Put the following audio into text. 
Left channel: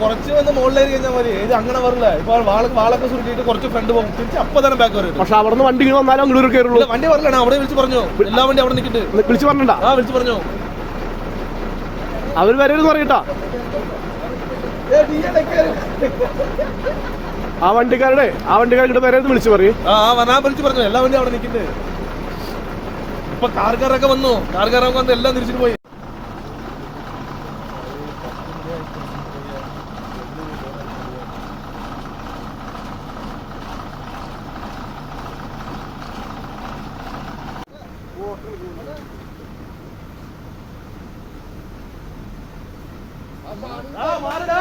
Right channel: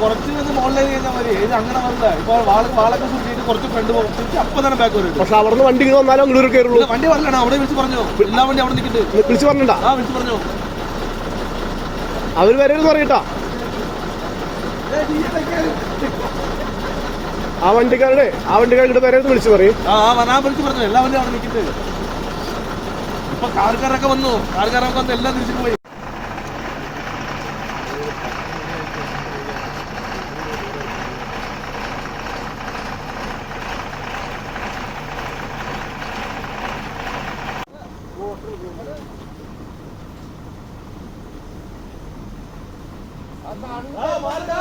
കുറച്ച് ഒന്ന് മുകളിലേക്ക് കഴിഞ്ഞാൽ മതി. ഇത് അങ്ങനെ വരില്ല. ഇപ്പോൾ വാളൊക്കെ സൂക്ഷിച്ചിട്ട് കുറച്ച് ഫ്രണ്ട് തിരിച്ച് അപ്പം തന്നെ ബാക്ക് വരും. പക്ഷെ അവിടെ നിന്ന് വണ്ടി ഇങ്ങനെ വന്നാലും അങ്ങോട്ട് കയറുള്ളൂ. വണ്ടി പറഞ്ഞാണ് അവിടെ വിളിച്ച് പറഞ്ഞു. എല്ലാ വണ്ടി അവിടെ നിൽക്കിട്ട് വിളിച്ച് പറഞ്ഞിട്ടാ? ആ വിളിച്ച് പറഞ്ഞു. അവർ വരരുന്ന് പറയട്ടാ. ആ വണ്ടിക്കാരുടെ വരരുന്ന് വിളിച്ച് പറയും. വിളിച്ച് പറഞ്ഞു. എല്ലാ വണ്ടിയും അവിടെ നിൽക്കിട്ട് ഇപ്പൊ കാർക്കാരൊക്കെ വന്നു. കാർക്കാരൊക്കെ വന്ന് എല്ലാം തിരിച്ചിട്ട് പോയി. മാറടാ